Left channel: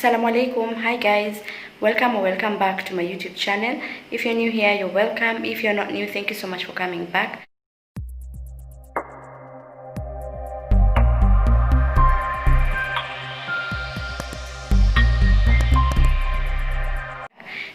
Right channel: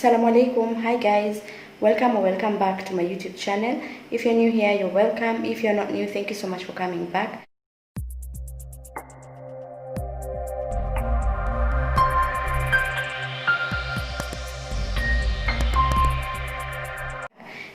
Assalamu alaikum. Hi guys, welcome or welcome back to my YouTube channel. If you're new here, you're welcome. If you're not new, thank you so much for coming back.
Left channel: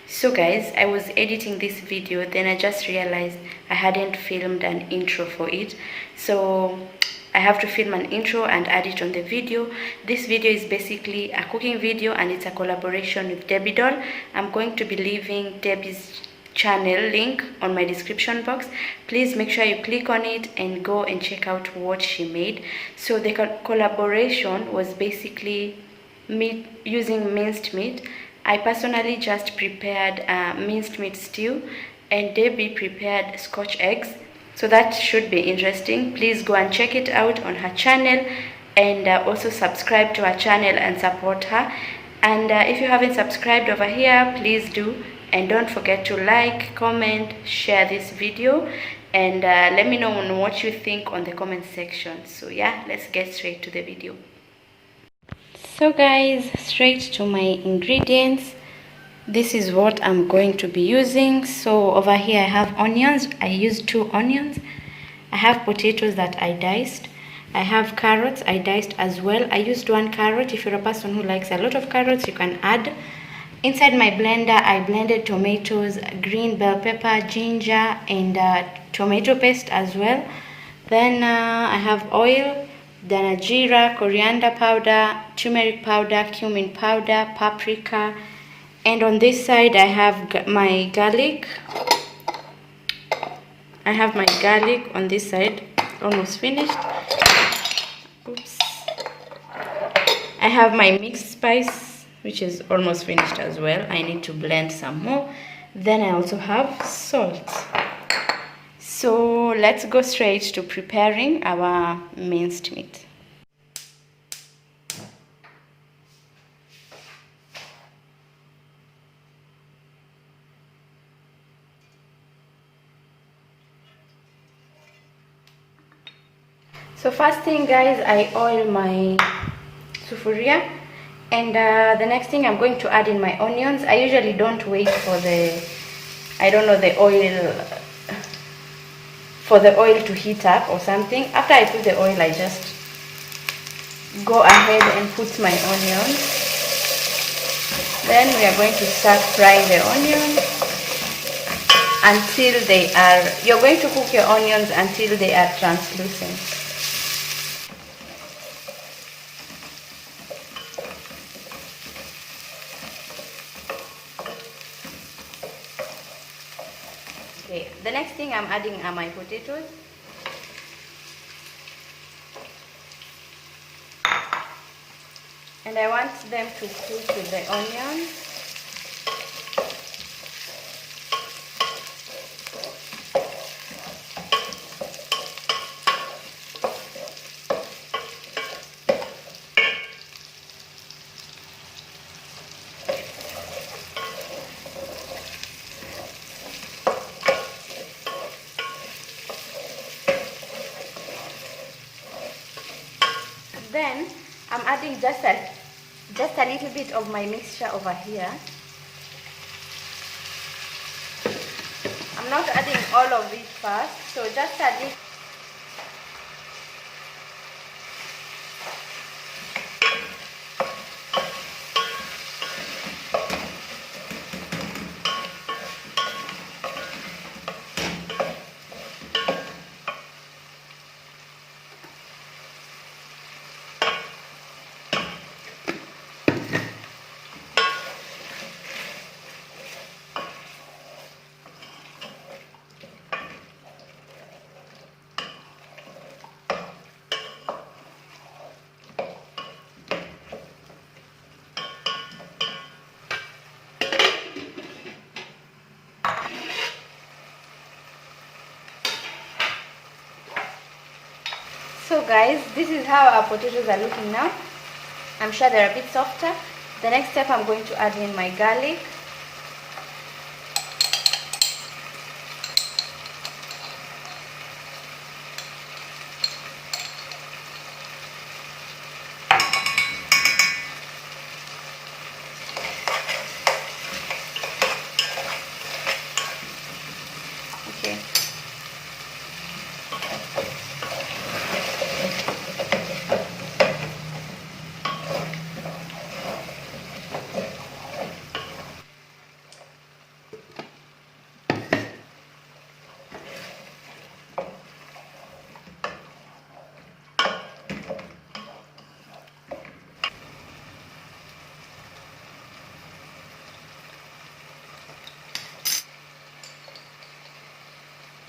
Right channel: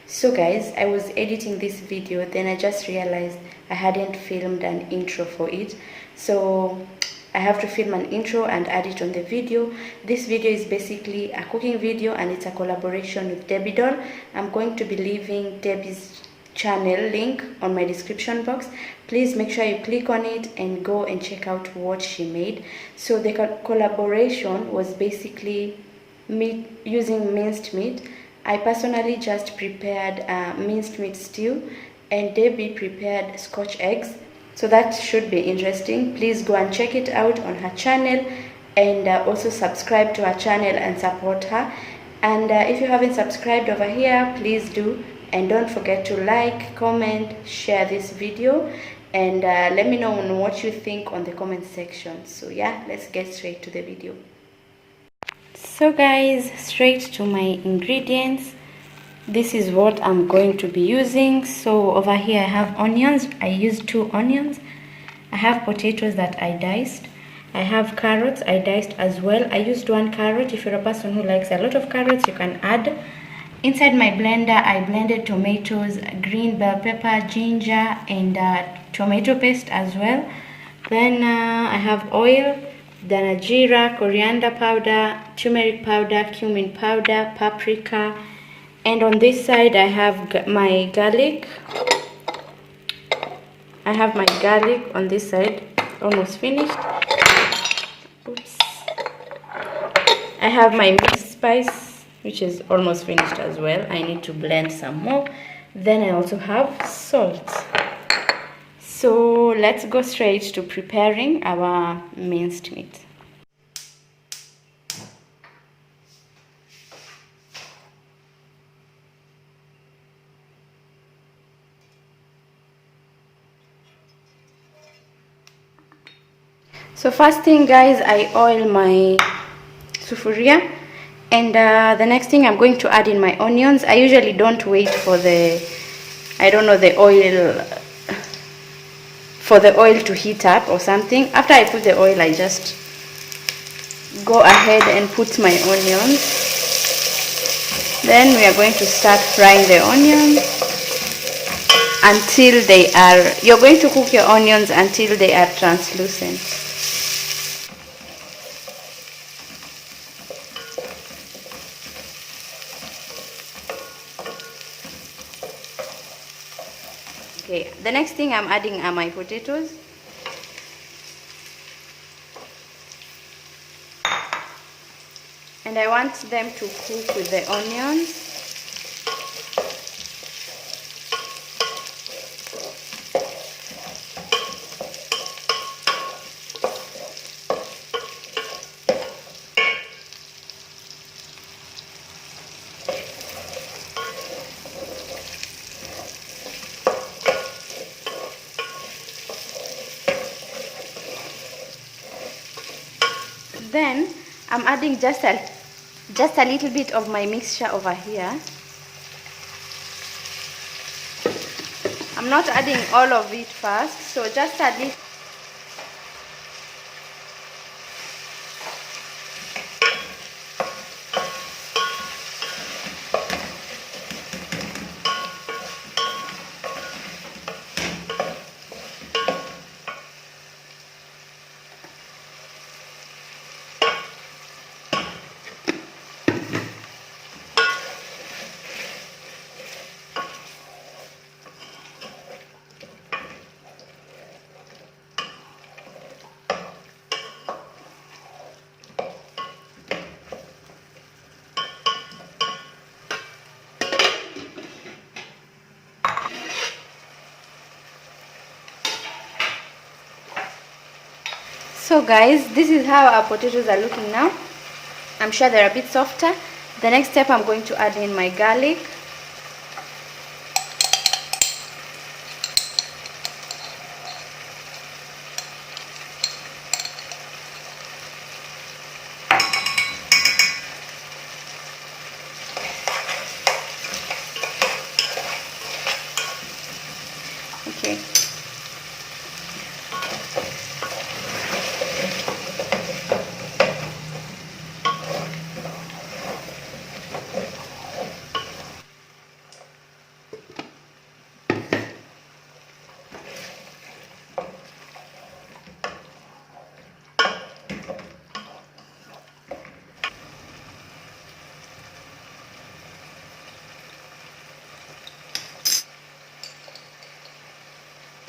So guys, I was editing this video, then I just realized I hadn't filmed an intro for it, so I have to film an intro and add it on the video. This video is basically a cooking video and it's a collaboration with Debbie Doll. I'm going to be leaving Debbie's channel link on my description box. Please make sure you click on it and go and check out what she made. So the collaboration was basically meat using minced meat. I personally just prepared minced meat stew and Debbie prepared scotch eggs. So that should be interesting. Please go and check it out on her channel and also subscribe to her channel and support her. And if you haven't subscribed over here, please do. And don't forget to like, comment, share this video and let me know on what you think on the comment section. So yeah, let's get straight to the video. So guys, straight to my ingredients. This is what I'm going to be using. So over here I have onions. I used 2 onions. I have potatoes that I diced. I have carrots I diced as well. I used 1 carrot. If you're a person who likes a lot of carrots, you can add. Inside my blender I blended tomatoes, green bell pepper, ginger and tomato paste as well. Then I have oil, then jeera, coriander powder, turmeric powder, cumin powder, paprika. And on this side I have my garlic. I have my garlic on this side, almost finished. Oops. I have my mixed spice, which is almost finished as well. I need to blend some more. Then I also have salt. So let's go straight to preparing our minced meat. So first thing guys, I oil my sufuria and the next thing I'm going to add in my onions. I usually don't wait for the oil to heat up or something. After I put the oil, I just go ahead and put my onions. Then we are going to start frying the onions until you're going to cook your onions until they are translucent. Okay, the next thing I'm adding are my potatoes. And I want them to cook with the onions. Then I'm adding just a little bit of my mixture over here. I'm not adding all of it first, so just a little. So guys, this is how our potatoes are looking now. I'm sure they're a bit softer. The next step, I'm going to add in my garlic.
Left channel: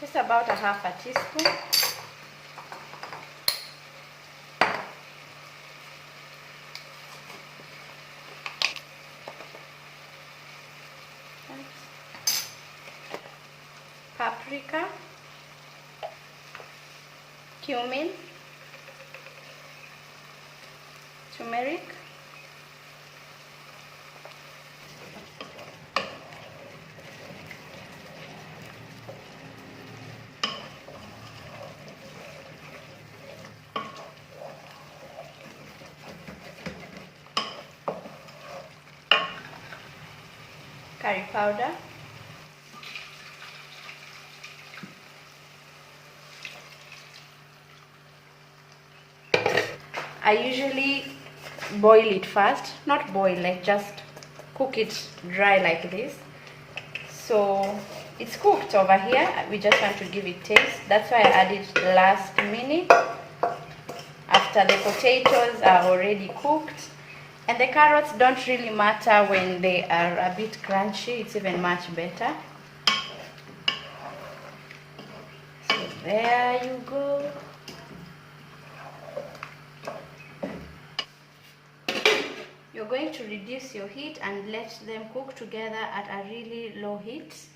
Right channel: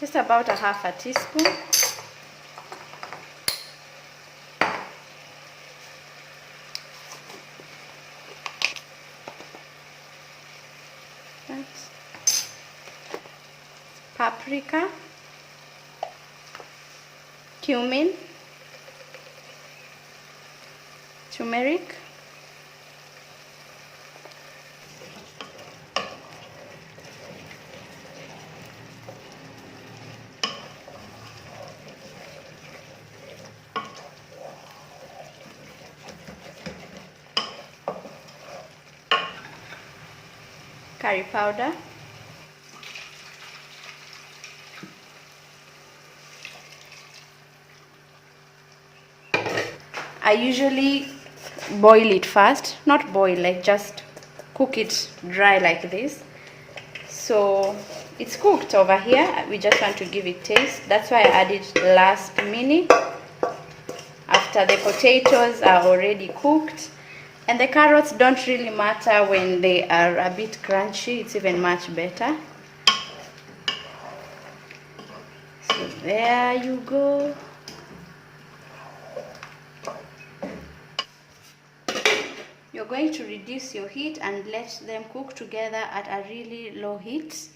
just about a half a teaspoon. Paprika, cumin, turmeric, curry powder, I usually boil it first, not boil, like just cook it dry like this. So it's cooked over here. We just want to give it taste. That's why I added last minute after the potatoes are already cooked. And the carrots don't really matter when they are a bit crunchy. It's even much better. So there you go. You're going to reduce your heat and let them cook together at a really low heat.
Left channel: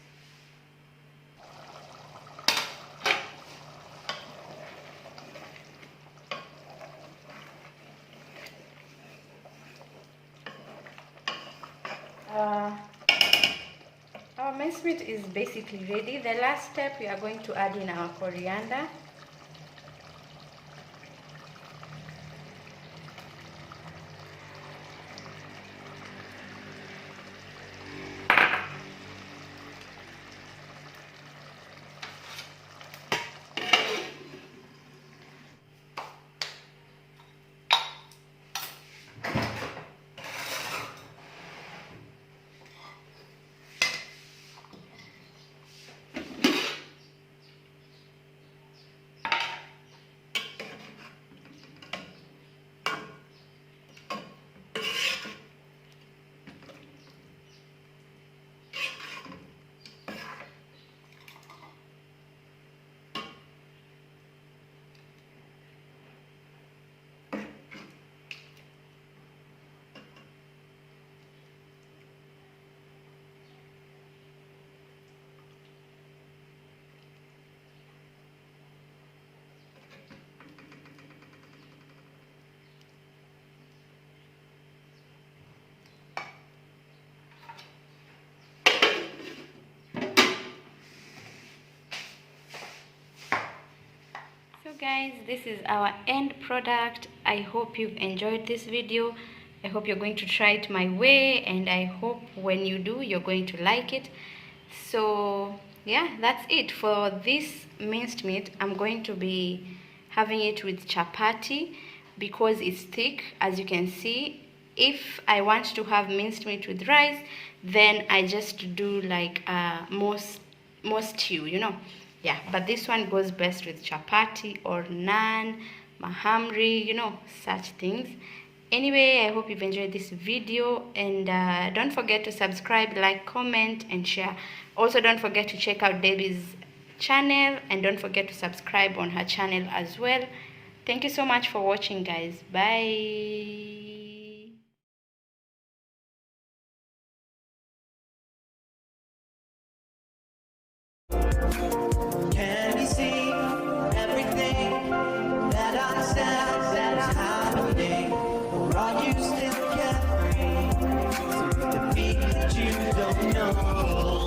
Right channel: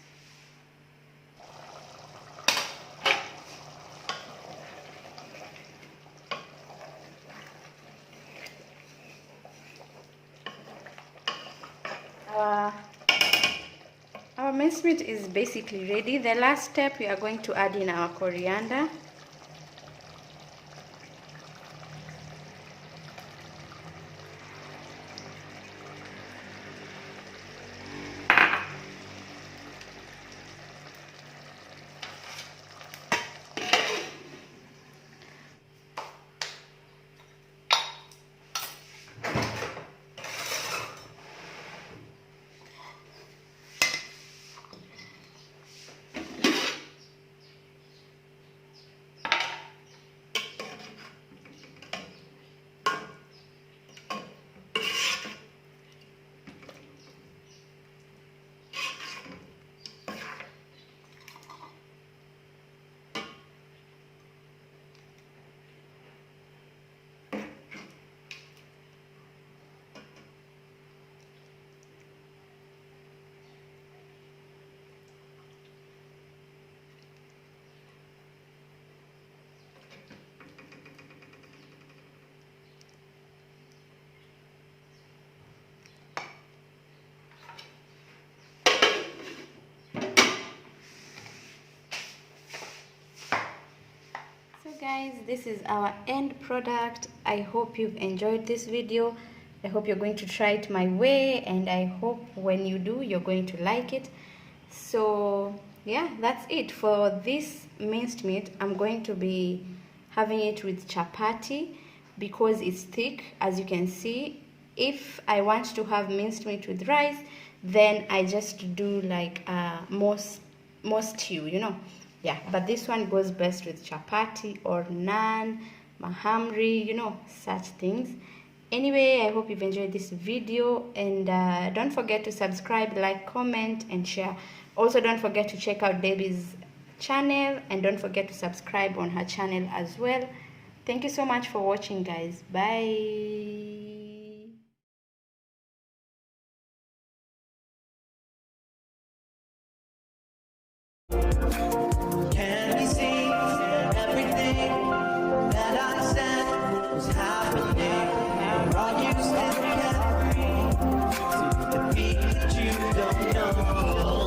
Our minced meat is basically ready. The last step, we are going to add in our coriander. So guys, this is our end product. I hope you've enjoyed this video. I hope you're going to try it my way, and I hope when you do, you're going to like it. So yeah, that's it for this minced meat. I'm going to be having it with chapati because it's thick, as you can see. If I want to have minced meat with rice, then I just do like more stew, you know. Yeah, but this one goes best with chapati or naan, mahamri, you know, such things. Anyway, I hope you've enjoyed this video, and don't forget to subscribe, like, comment, and share. Also, don't forget to check out Debbie's channel, and don't forget to subscribe on her channel as well. Thank you so much for watching, guys. Bye. Can we see everything that I said was happening? Or are you still carefree to defeat that you don't know?